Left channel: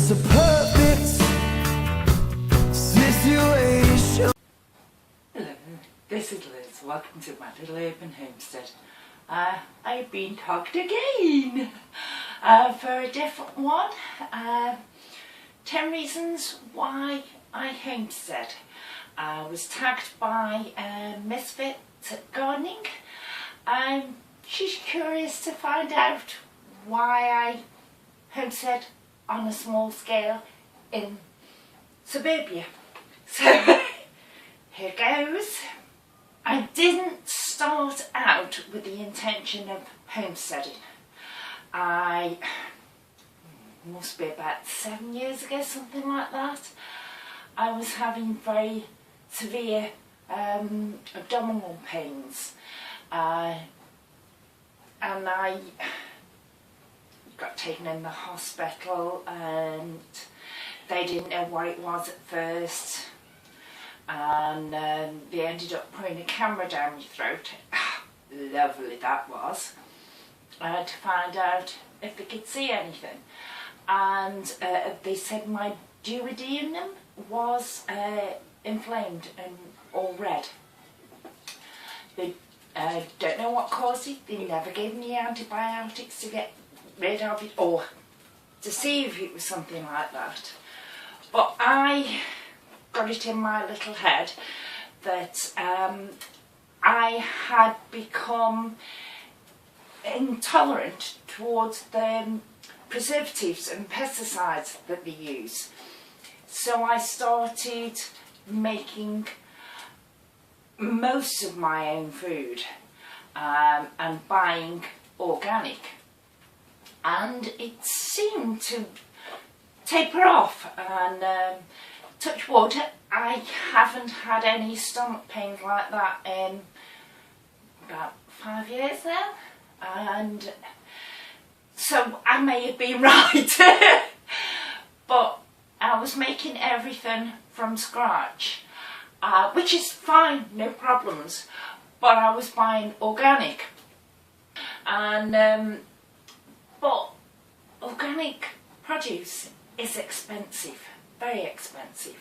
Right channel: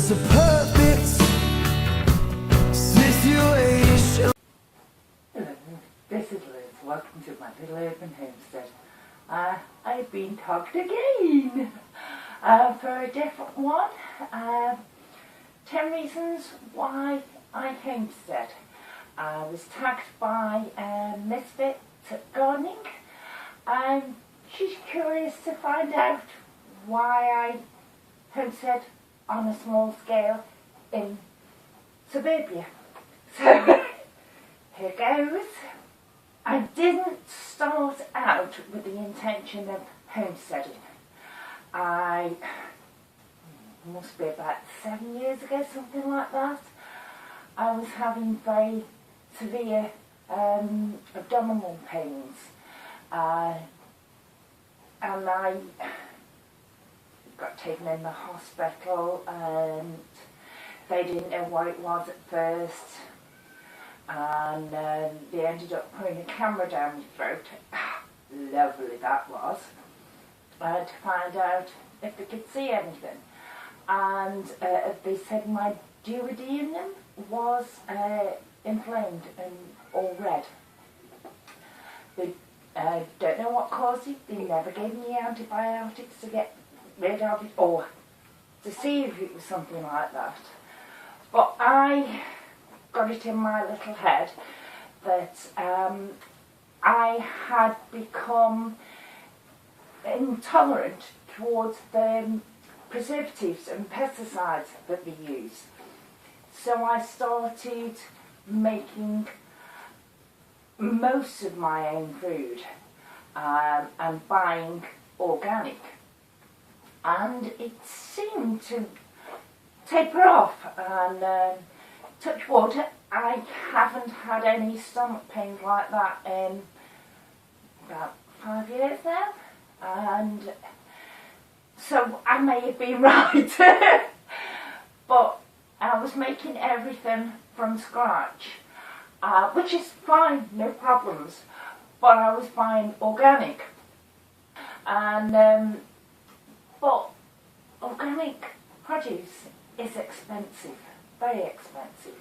just a perfect situation. Hello, this is Liz. Welcome to my little urban homestead. I've been tagged again for a different one. 10 reasons why I homestead. I was tagged by Misfit Gardening. She's curious to find out why I homestead on a small scale in suburbia. So here goes. I didn't start out with the intention of homesteading. I must be about 7 years ago, something like that. I was having very severe abdominal pains, and I got taken in the hospital, and they didn't know what it was at first, and they ended up putting a camera down my throat. Lovely that was, to find out if they could see anything. And they said my duodenum was inflamed and all red. They don't know what caused it. They never gave me antibiotics to get rid of it or to see if it was something like that. But I got it in my little head that I had become intolerant towards the preservatives and pesticides that they use. So I started making most of my own food and buying organic, and it seemed to taper off, and touch wood, I haven't had any stomach pains like that in about 5 years now, and so I may have been right. But I was making everything from scratch, which is fine, no problems, but I was buying organic, and but organic produce is expensive, very expensive.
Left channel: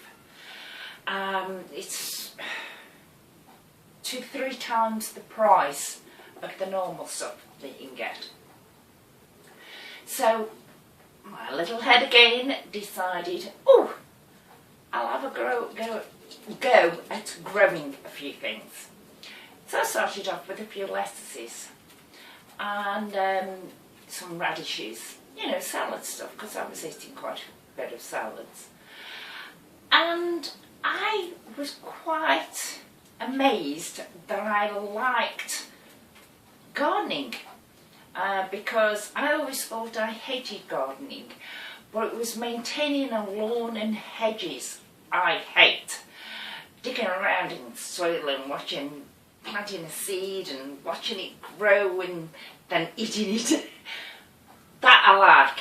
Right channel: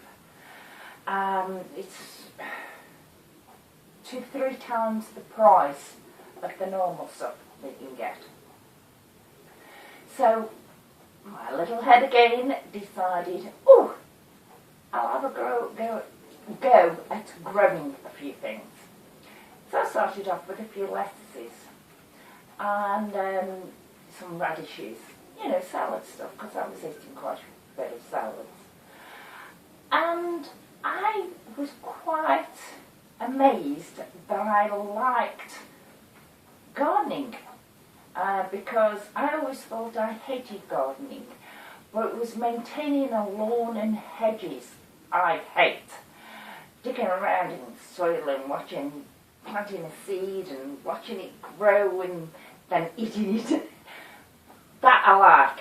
It's 2 to 3 times the price of the normal stuff that you can get. So my little head again decided, oh, I'll have a go at growing a few things. So I started off with a few lettuces and some radishes, you know, salad stuff, because I was eating quite a bit of salads. And I was quite amazed that I liked gardening, because I always thought I hated gardening, but it was maintaining a lawn and hedges I hate. Digging around in soil and planting a seed and watching it grow and then eating it. That I like.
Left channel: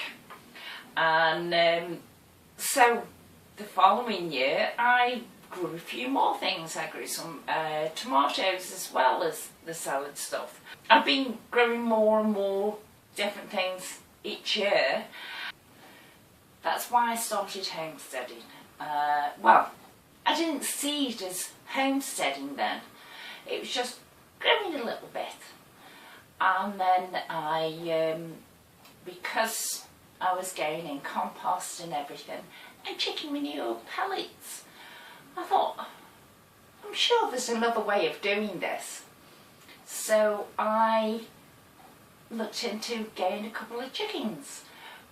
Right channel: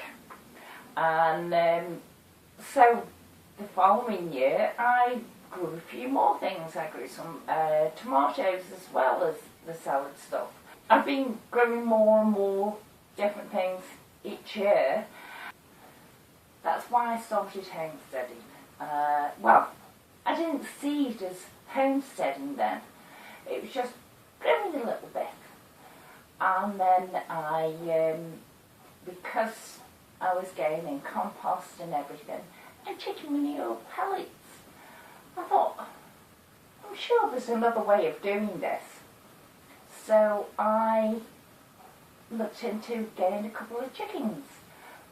And so the following year I grew a few more things. I grew some tomatoes as well as the salad stuff. I've been growing more and more different things each year. That's why I started homesteading. Well, I didn't see it as homesteading then. It was just growing a little bit. And then I, because I was getting compost and everything, and chicken manure pellets, I thought, I'm sure there's another way of doing this. So I looked into getting a couple of chickens,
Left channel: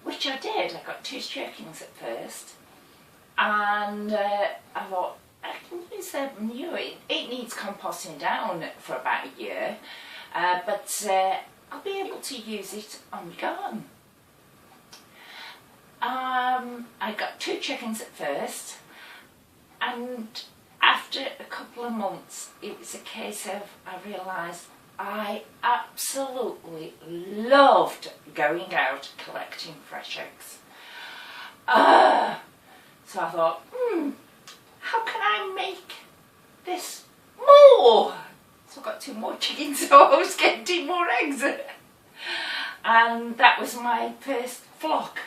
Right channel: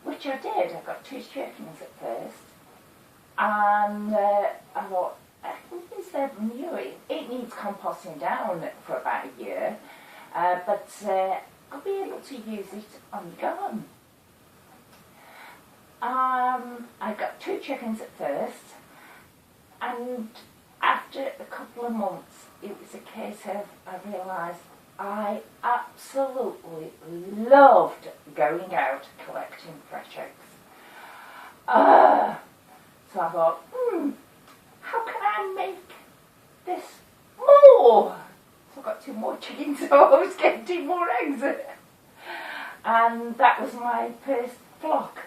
which I did. I got 2 chickens at first, and I thought, I can use their manure. It needs composting down for about a year, but I'll be able to use it on the garden. I got 2 chickens at first, and after a couple of months it was a case of, I realised I absolutely loved going out collecting fresh eggs. So I thought, how can I make this more? So I got 2 more chickens, so I was getting 2 more eggs. And that was my first flock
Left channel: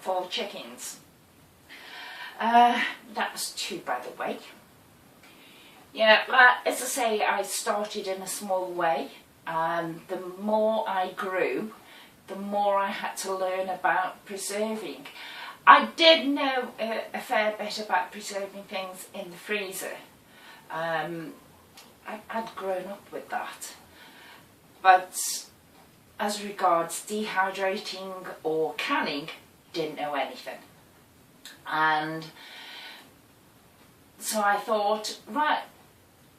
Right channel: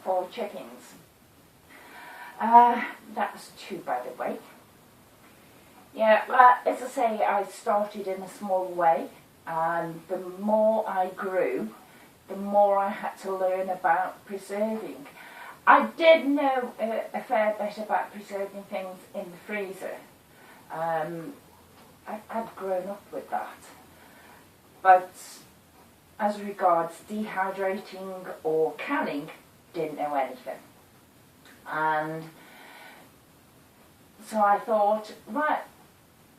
for chickens. That was 2, by the way. Yeah, as I say, I started in a small way, and the more I grew, the more I had to learn about preserving. I did know a fair bit about preserving things in the freezer. I'd grown up with that. But as regards dehydrating or canning, didn't know anything. And so I thought, right,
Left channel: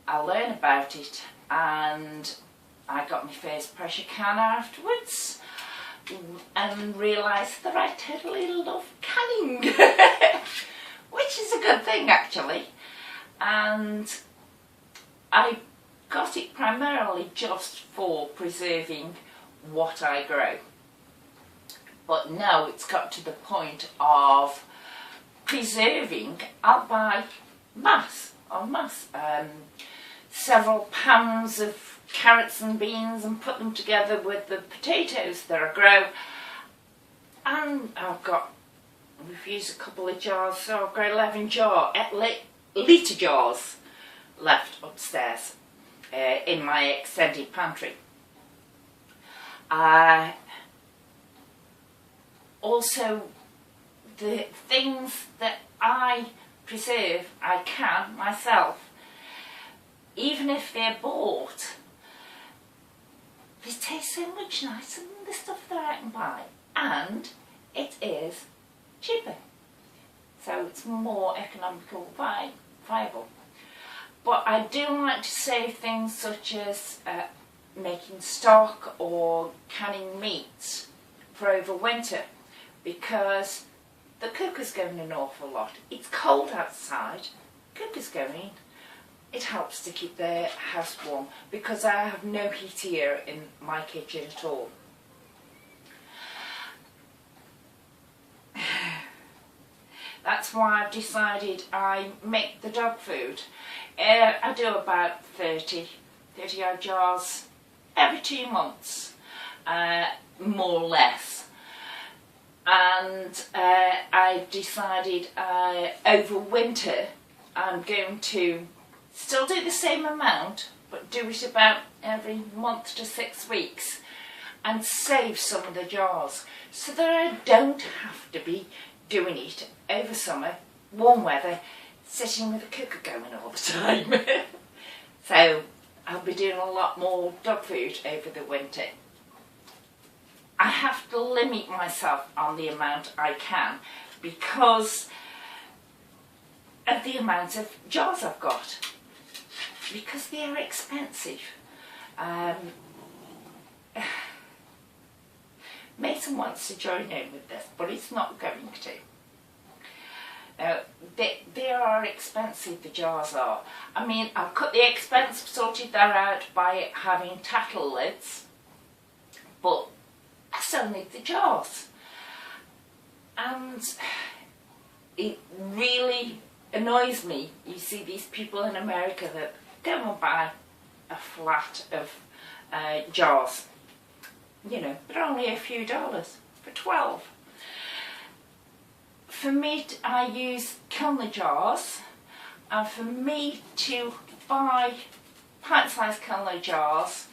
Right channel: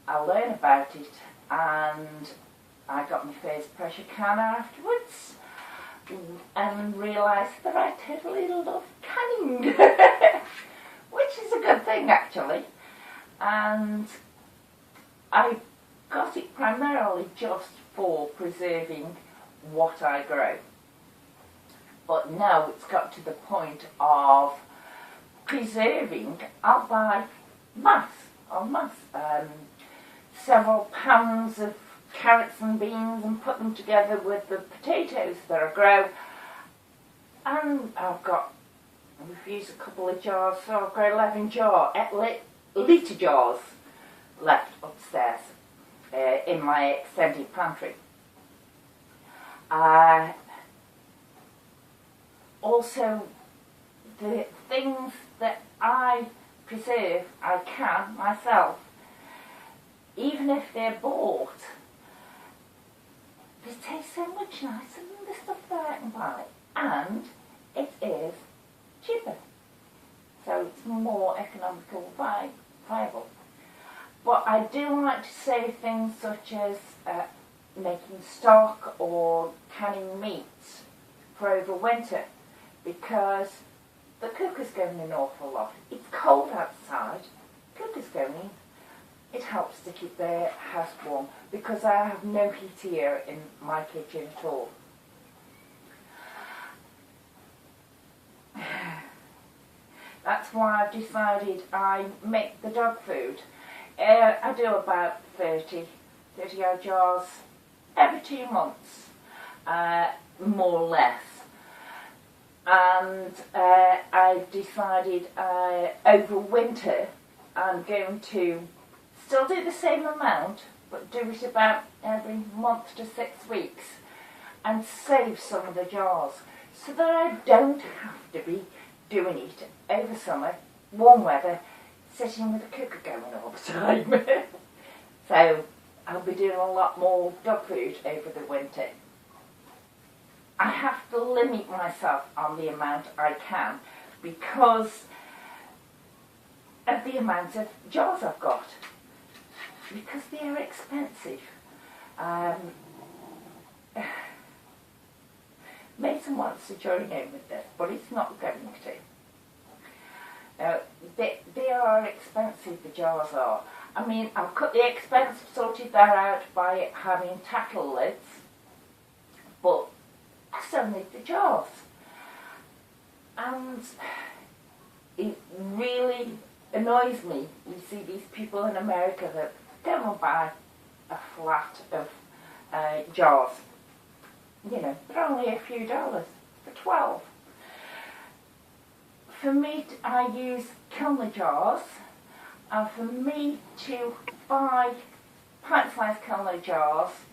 I'll learn about it, and I got my first pressure canner afterwards and realised that I totally love canning, which is a good thing actually. And I got it primarily just for preserving what I grow. But now it's got to the point of preserving. I'll buy mass, several pounds of carrots and beans and put them together with the potatoes that I grow. And I've got, we've used a couple of jars, so I've got 11 litre jars left upstairs in my extended pantry. Also, the things that I preserve, I can myself, even if they're bought, they taste so much nicer than the stuff that I can buy, and it is cheaper, so it's more economical, viable. But I do like to save things such as making stock or canning meats for over winter, because the cooker's going an awful lot. It's cold outside, cooker's going. It helps to keep the house warm, because I have no heat here in my kitchen at all. That's why I've decided I make the dog food. I do about 30 odd jars every 2 months, more or less. And I decided over winter I'm going to still do the same amount, but do it about every month to 6 weeks, and save some of the jars so that I don't have to be doing it over summer, warm weather, sitting with the cooker going all the time. So I'll be doing a lot more dog food over the winter. I have to limit myself on the amount I can because of the amount of jars I've got, because they are expensive. Mason wants to join in with this, but it's not going to. They are expensive, the jars are. I mean, I've cut the expense, sorted that out by having tackle lids, but I still need the jars. And it really annoys me. You see these people in America that go and buy a flat of jars. You know, but only a few dollars for 12. For me, I use Kilner jars, and for me to buy pint-sized Kilner jars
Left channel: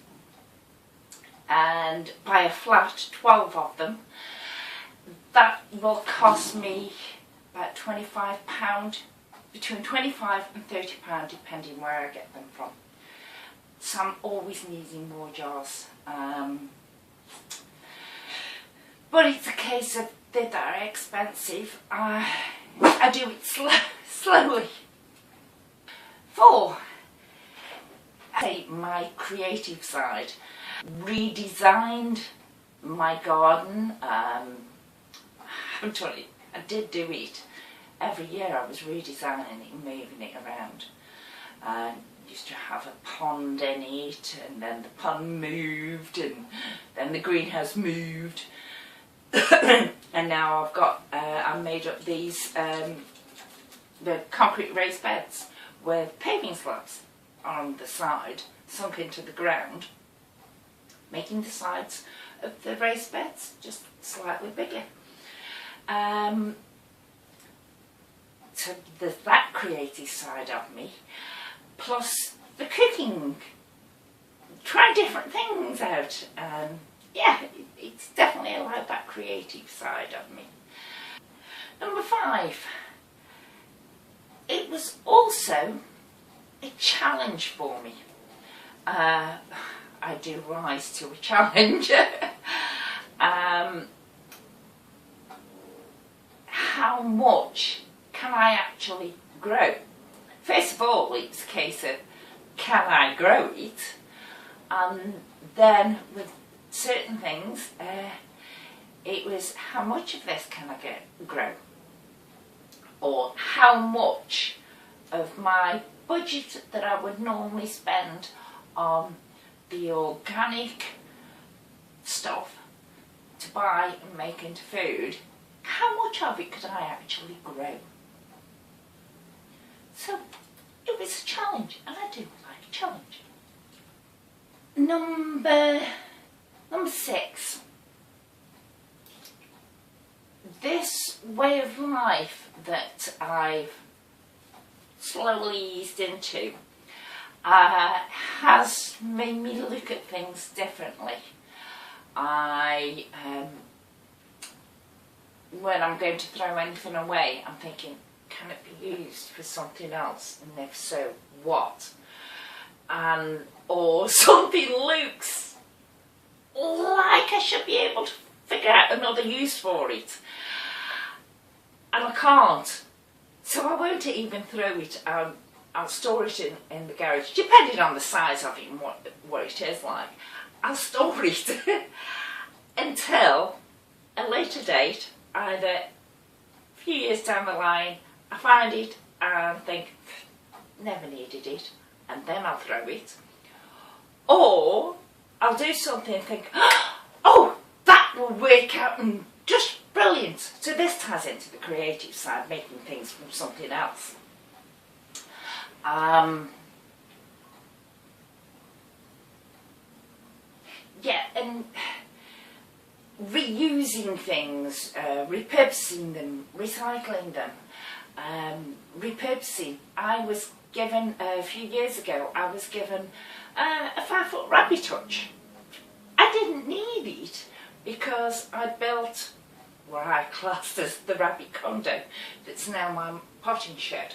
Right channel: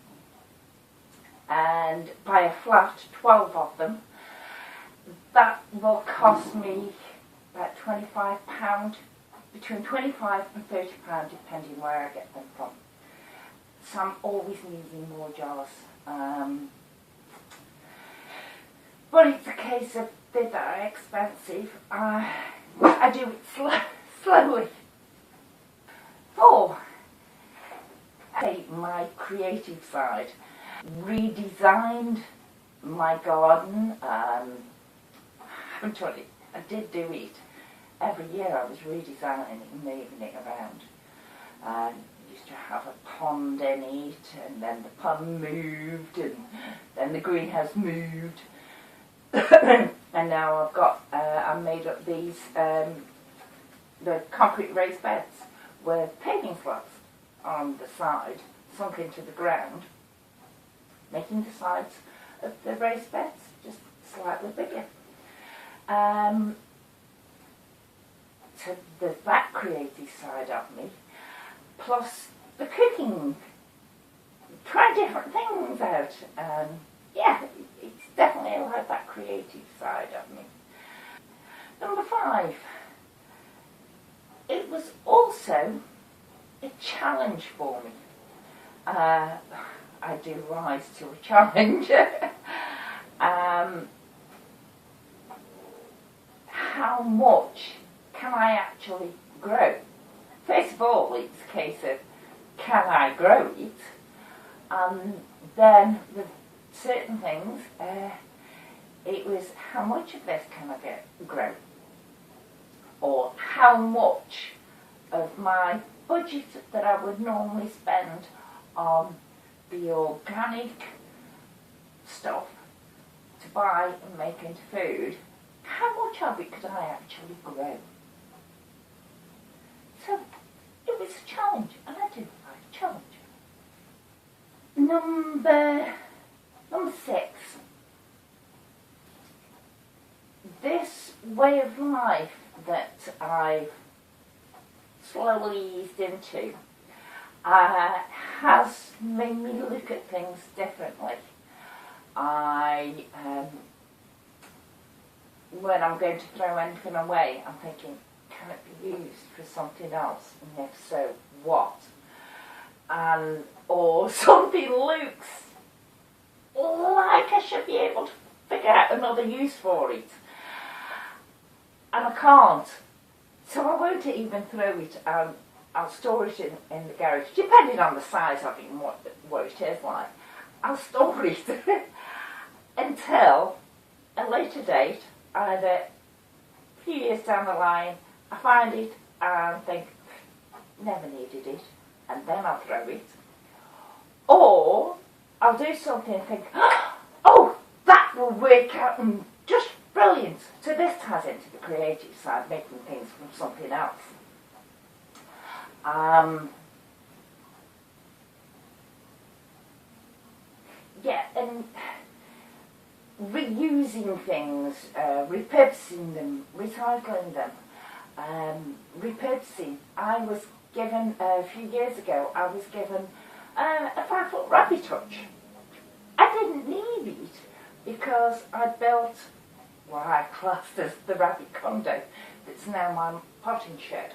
and buy a flat 12 of them, that will cost me about £25, between £25 and £30 depending where I get them from. So I'm always needing more jars. But it's a case of they are expensive. I do it slowly. 4. My creative side. Redesigned my garden. I'm telling you, I did do it. Every year I was redesigning it, moving it around. Used to have a pond in it, and then the pond moved, and then the greenhouse moved. And now I've got, I made up these, the concrete raised beds with paving slabs on the side, sunk into the ground, making the sides of the raised beds just slightly bigger. So there's that creative side of me, plus the cooking. Try different things out. Yeah, it's definitely like that creative side of me. Number 5, it was also a challenge for me. I do rise to a challenge. How much can I actually grow? First of all, it's a case of, can I grow it? And then with certain things, it was, how much of this can I grow? Or how much of my budget that I would normally spend on the organic stuff to buy and make into food, how much of it could I actually grow? So it was a challenge, and I do like a challenge. Number 6. This way of life that I've slowly eased into has made me look at things differently. When I'm going to throw anything away, I'm thinking, can it be used for something else? And if so, what? Or something looks like I should be able to figure out another use for it, and I can't. So I won't even throw it. I'll store it in the garage, depending on the size of it and what it is like. I'll store it until a later date, either a few years down the line, I find it and think, never needed it, and then I'll throw it. Or I'll do something and think, oh, that will work out and just brilliant. So this ties into the creative side, making things from something else. Yeah, and reusing things, repurposing them, recycling them, repurposing. I was given, a few years ago, I was given a 5-foot rabbit hutch. I didn't need it because I built what I classed as the rabbit condo that's now my potting shed.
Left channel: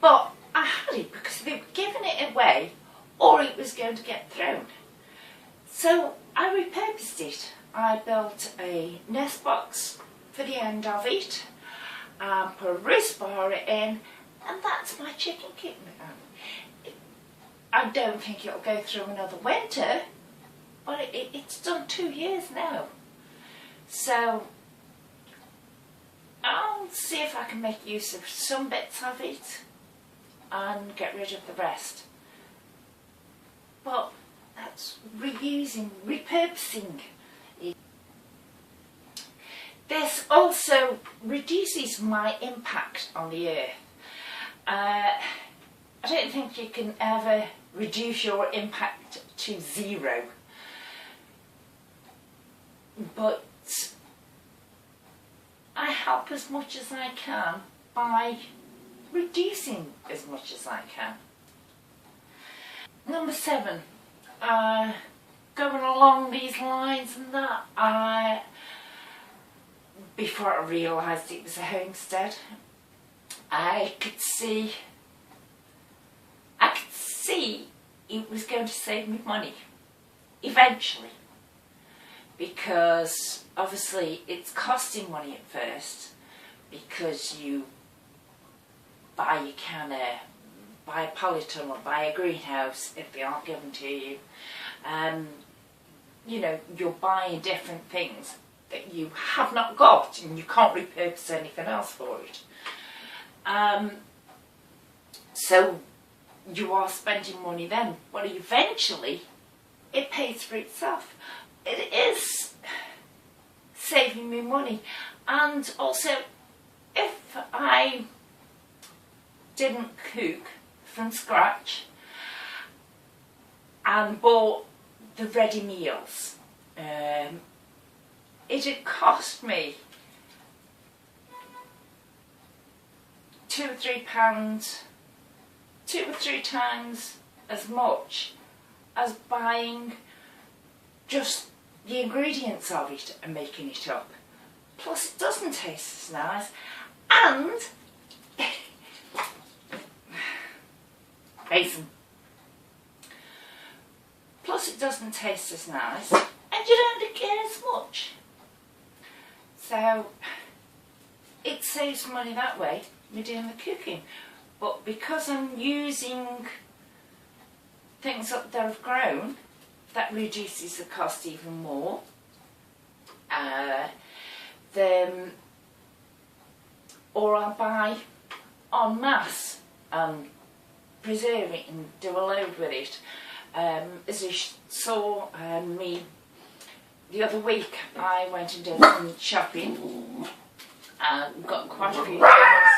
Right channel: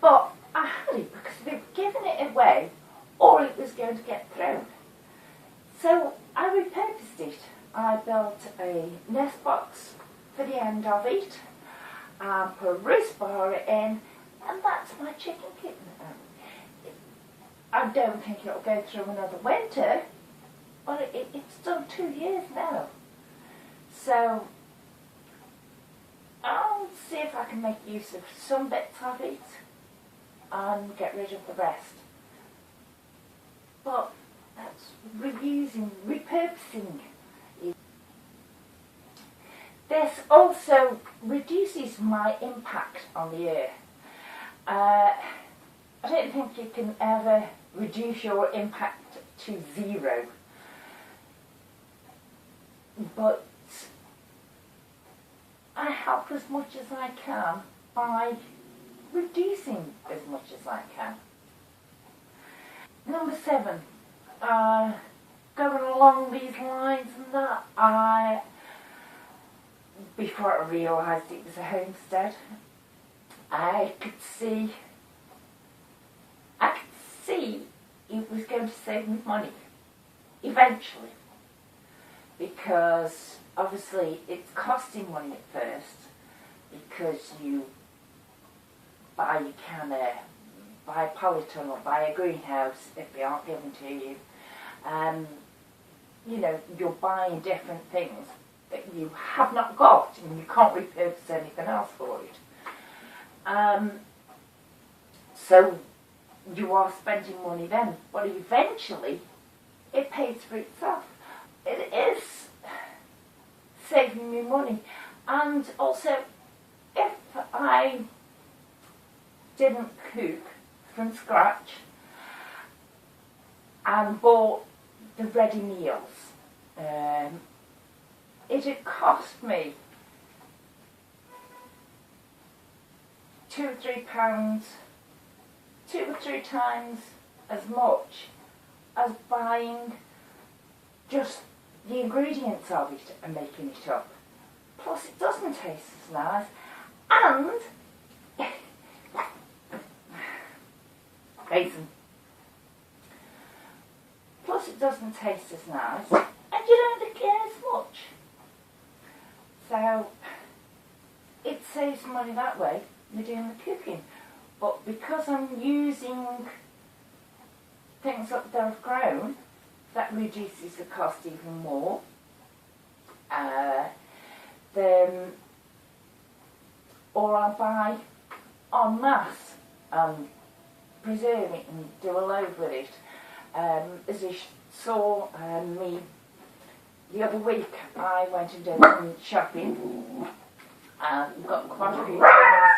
But I had it because they were giving it away or it was going to get thrown. So I repurposed it. I built a nest box for the end of it, put a roost bar in, and that's my chicken coop now. I don't think it'll go through another winter, but it's done 2 years now. So I'll see if I can make use of some bits of it and get rid of the rest. But that's reusing, repurposing. This also reduces my impact on the earth. I don't think you can ever reduce your impact to 0, but I help as much as I can by reducing as much as I can. Number 7, going along these lines and that, before I realised it was a homestead, I could see it was going to save me money eventually, because obviously it's costing money at first, because you buy your canner, buy a polytunnel, buy a greenhouse if they aren't given to you. You know, you're buying different things that you have not got and you can't repurpose anything else for it. So you are spending money then, but eventually it pays for itself. It is saving me money. And also, if I didn't cook from scratch and bought the ready meals, it'd cost me £2 or three times as much as buying just the ingredients of it and making it up. Plus it doesn't taste as nice, and basin. Plus it doesn't taste as nice, and you don't get as much. So it saves money that way, me doing the cooking. But because I'm using things that I've grown, that reduces the cost even more. Or I'll buy en masse and preserve it and do a load with it. As you saw me the other week, I went and did some shopping and got quite a few things.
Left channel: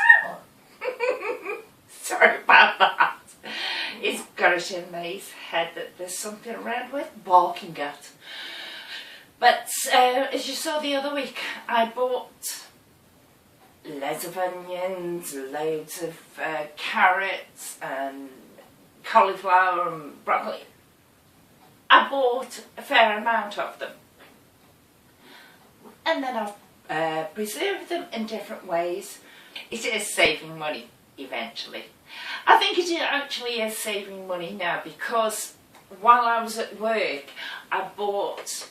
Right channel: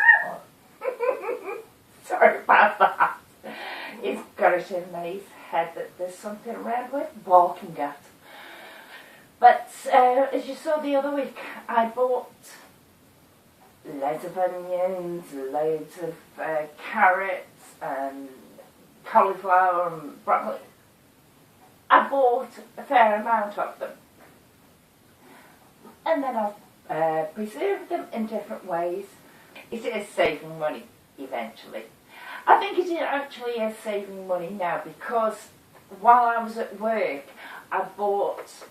Sorry about that. He's got it in his head that there's something around worth barking at. But as you saw the other week, I bought loads of onions, loads of carrots and cauliflower and broccoli. I bought a fair amount of them. And then I've preserved them in different ways. It is saving money eventually. I think it actually is saving money now, because while I was at work I bought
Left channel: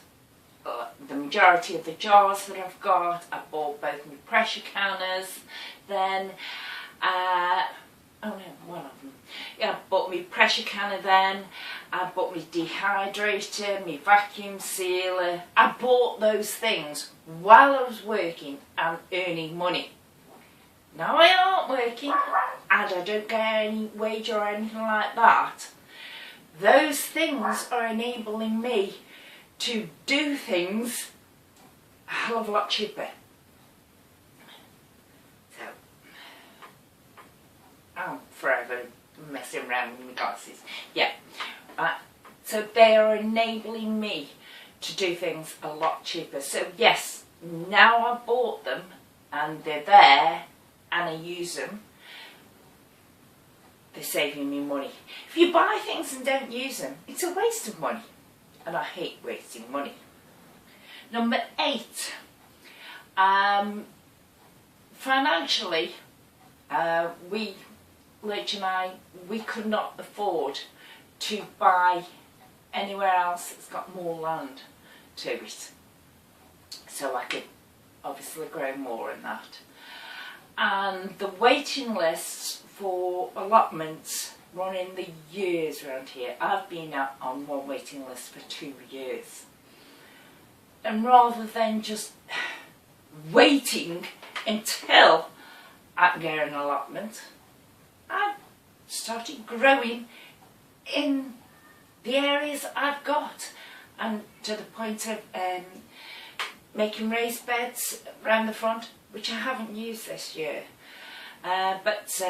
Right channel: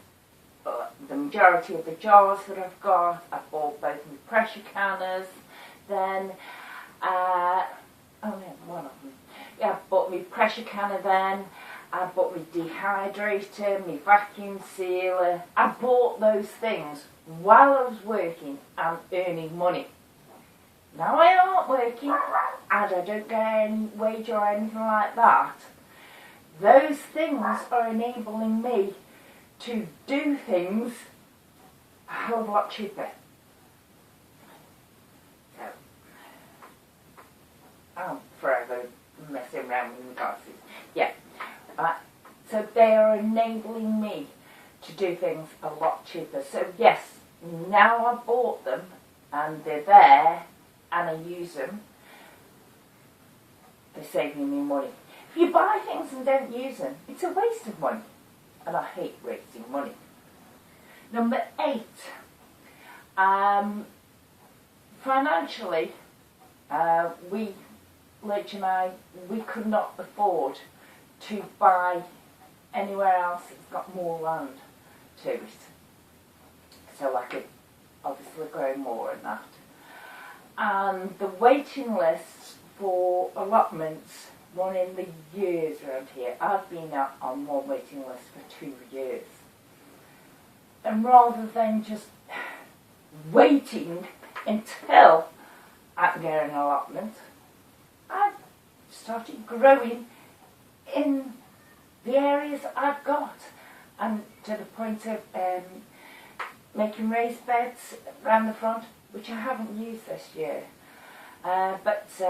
the majority of the jars that I've got. I bought both my pressure canners then. Oh no, one of them. Yeah, I bought my pressure canner then. I bought my dehydrator, my vacuum sealer. I bought those things while I was working and earning money. Now I aren't working and I don't get any wage or anything like that. Those things are enabling me to do things a hell of a lot cheaper. So, I'm forever messing around with my glasses. Yeah, so they are enabling me to do things a lot cheaper. So yes, now I've bought them and they're there and I use them, they're saving me money. If you buy things and don't use them, it's a waste of money. And I hate wasting money. Number 8. Financially, Lurch and I, we could not afford to buy anywhere else that's got more land to it. So I could obviously grow more in that. And the waiting lists for allotments run in the years around here. I've been out on one waiting list for 2 years. And rather than just waiting until I can get an allotment, I've started growing in the areas I've got, and to the point of making raised beds around the front, which I haven't used this year, but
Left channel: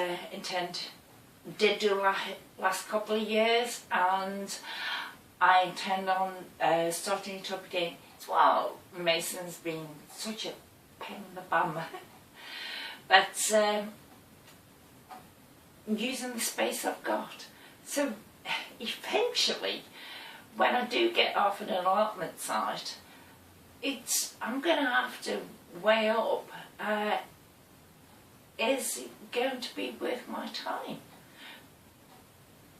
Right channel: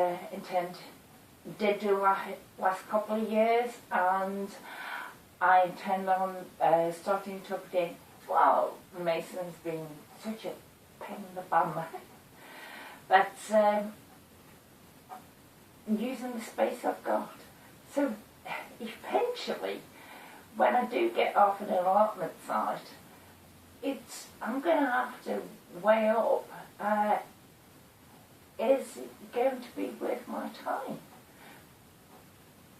did do last couple of years, and I intend on starting it up again. Well, mason's been such a pain in the bum, but using the space I've got. So eventually, when I do get off an allotment site, I'm going to have to weigh up, is it going to be worth my time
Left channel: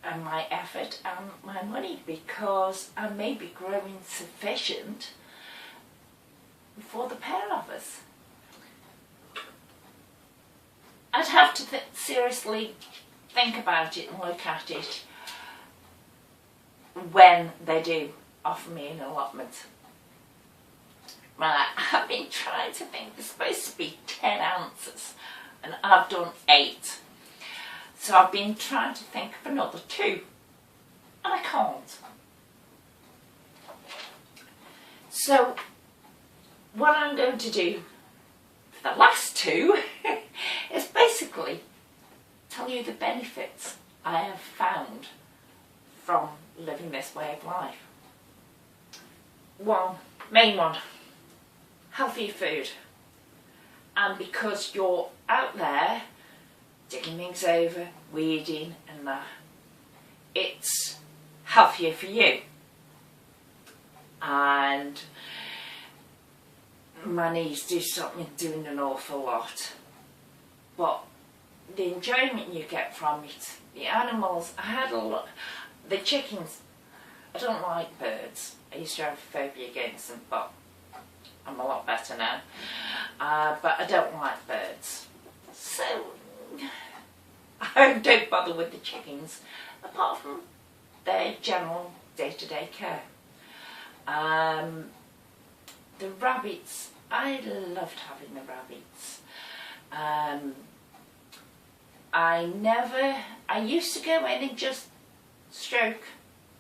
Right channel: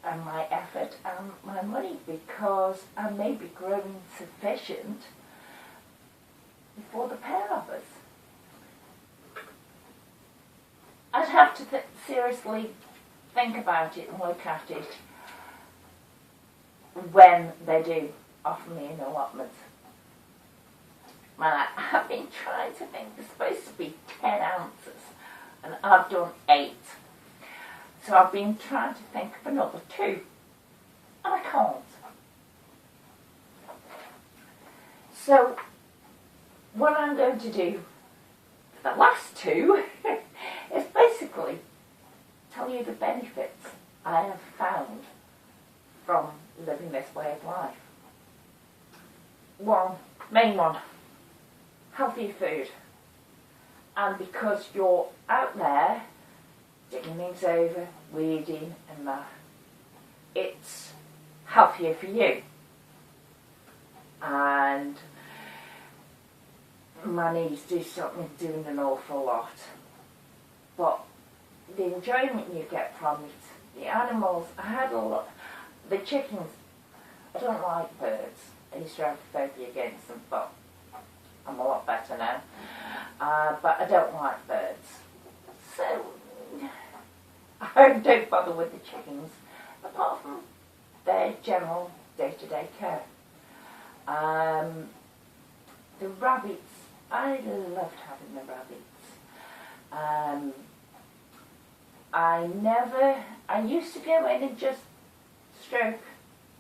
and my effort and my money, because I may be growing sufficient for the pair of us. I'd have to seriously think about it and look at it when they do offer me an allotment. Right, I've been trying to think, it's supposed to be 10 ounces and I've done 8. So I've been trying to think of another 2 and I can't. So what I'm going to do for the last 2 is basically tell you the benefits I have found from living this way of life. One, main one, healthier food. And because you're out there digging things over, weeding and that, it's healthier for you. And my knees do stop me doing an awful lot. But the enjoyment you get from it, the animals, I had a lot, the chickens, I don't like birds. I used to have a phobia against them, but I'm a lot better now. But I don't like birds. So I don't bother with the chickens, apart from their general day-to-day care. The rabbits, I loved having the rabbits. I used to go in and just stroke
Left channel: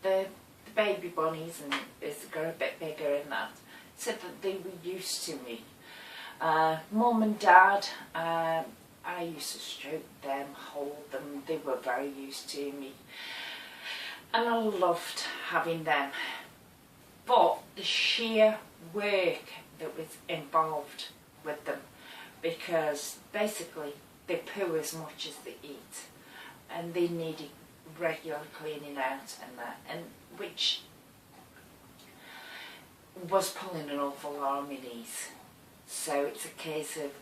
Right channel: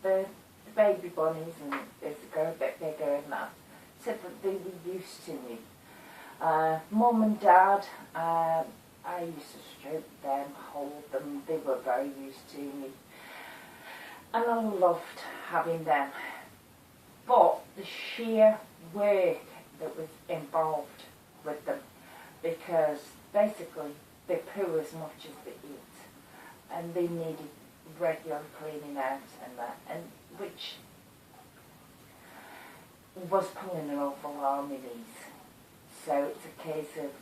the baby bunnies, and as they grow a bit bigger and that, so that they were used to me. Mum and Dad, I used to stroke them, hold them, they were very used to me. And I loved having them. But the sheer work that was involved with them, because basically they poo as much as they eat, and they needed regular cleaning out and that, and which was pulling an awful lot on my knees. So it's a case of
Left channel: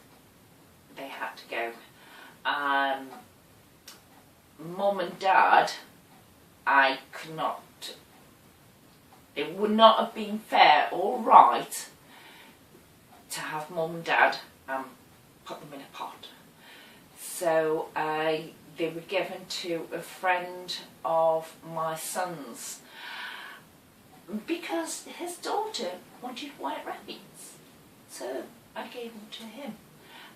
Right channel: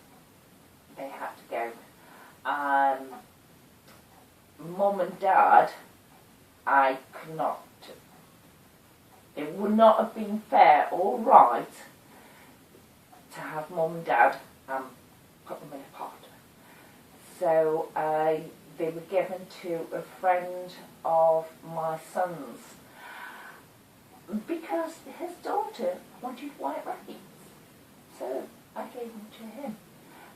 they had to go. Mum and Dad, I could not, it would not have been fair or right to have Mum and Dad put them in a pot. So they were given to a friend of my son's, because his daughter wanted white rabbits. So I gave them to him,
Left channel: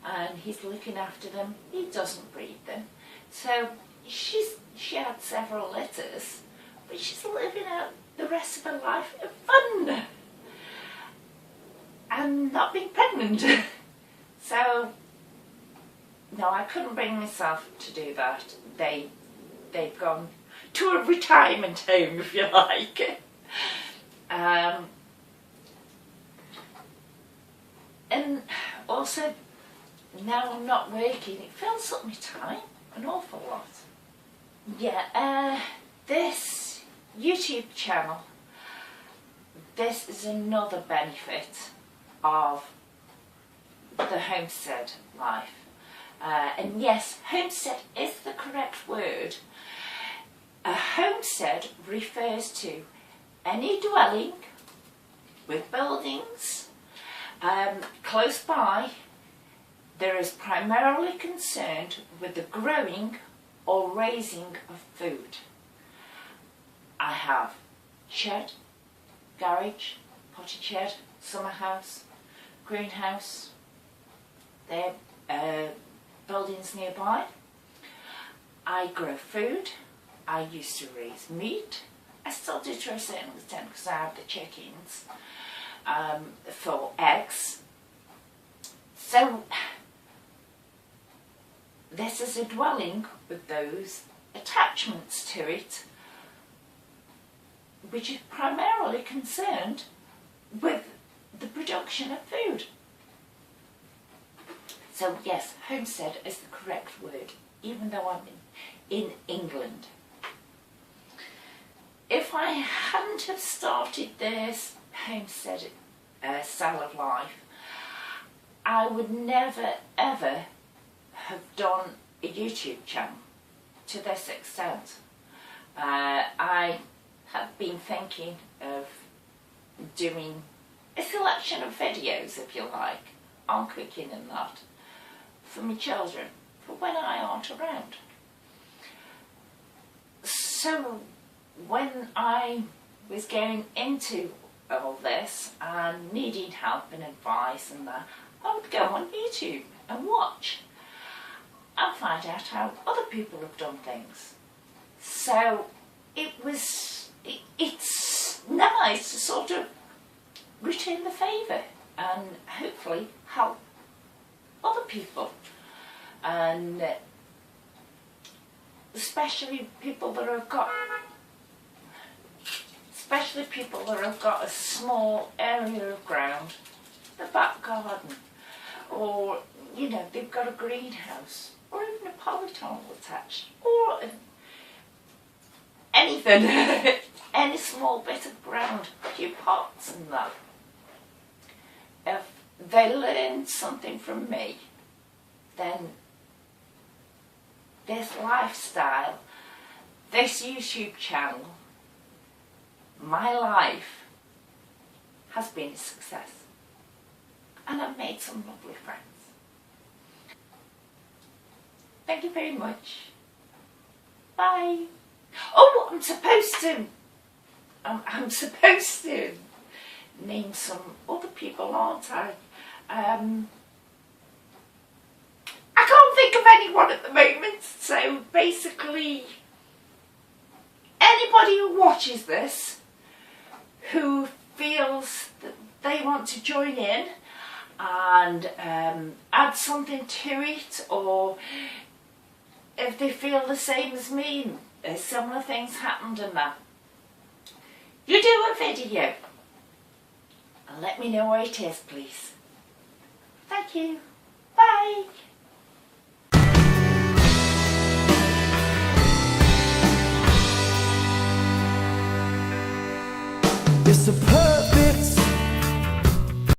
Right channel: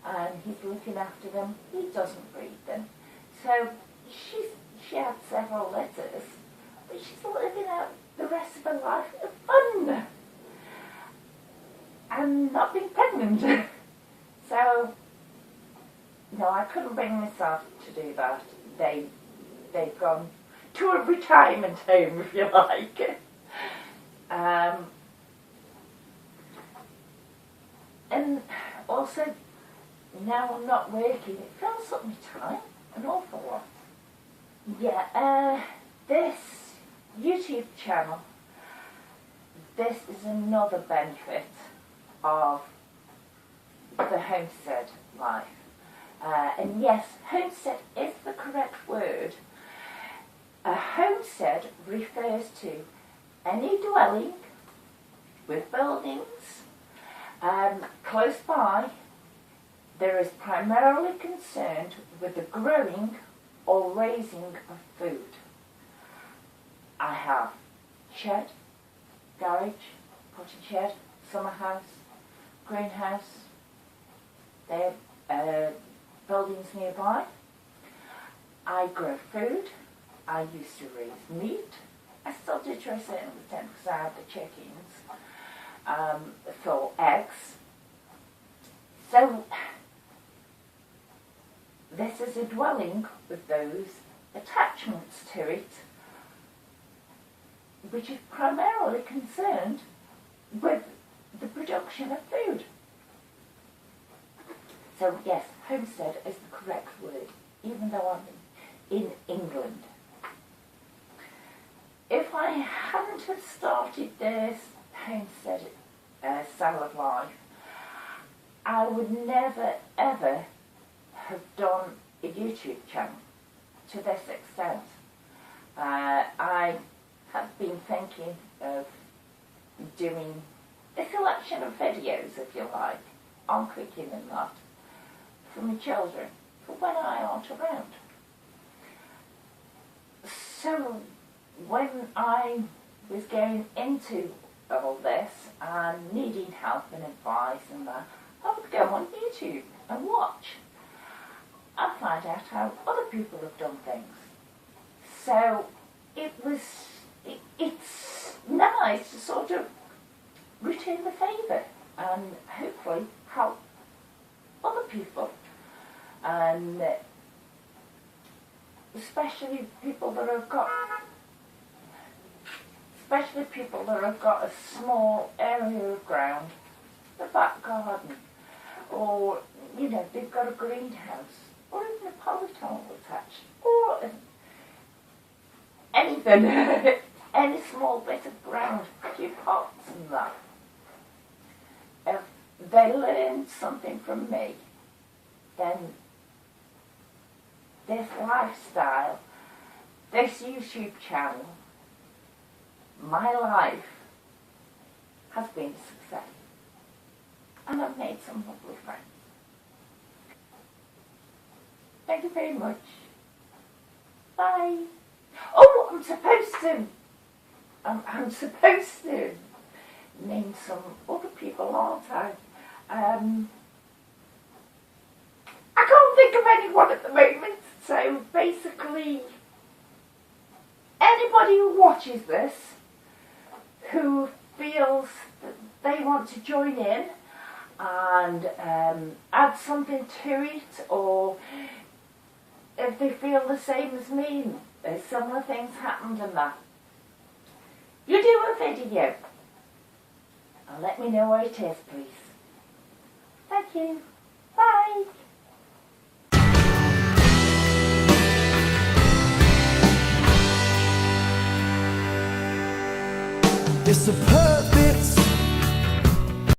and he's looking after them. He doesn't breed them. So she had several litters, but she's living out the rest of her life in fun and not being pregnant. So no, I couldn't bring myself to do that. They've gone to a retirement home, if you like. And also, now I'm not working, it fills up my time an awful lot. Yeah, this YouTube channel, this is another benefit of the homestead life. And yes, homestead is the correct word. A homestead refers to any dwelling with buildings close by that is primarily concerned with the growing or raising of food. I have shed, garage, potted shed, summer house, greenhouse. They're buildings nearby. I grow food. I used to raise meat. I still do to a certain extent because I have the chickens for eggs. So this is a dwelling with those attachments to it, which is primarily concerned with the production of food. So yes, homestead is the correct word, even though I'm in England. If I hadn't have started this homestead style of life, I would never ever have done a YouTube channel to this extent. I have been thinking of doing a selection of videos, if you like, on cooking and that, for my children, for when I aren't around. So when I was going into all this and needing help and advice and that, I would go on YouTube and watch and find out how other people have done things. So it's nice to sort of return the favour and hopefully help other people, and especially people that have got a small area of ground the back garden, or you know, they've got a greenhouse, or even a polytunnel attached, or anything, any small bit of ground, a few pots and that. If they learn something from me, then this lifestyle, this YouTube channel, my life has been a success. And I've made some lovely friends. Thank you very much. Bye. Oh, I'm supposed to name some other people, aren't I? I can't think of anyone at the moment, so basically anybody who watches this who feels that they want to join in and add something to it, or if they feel the same as me, similar things happened and that, you do a video and let me know what it is, please. Thank you. Bye. It's a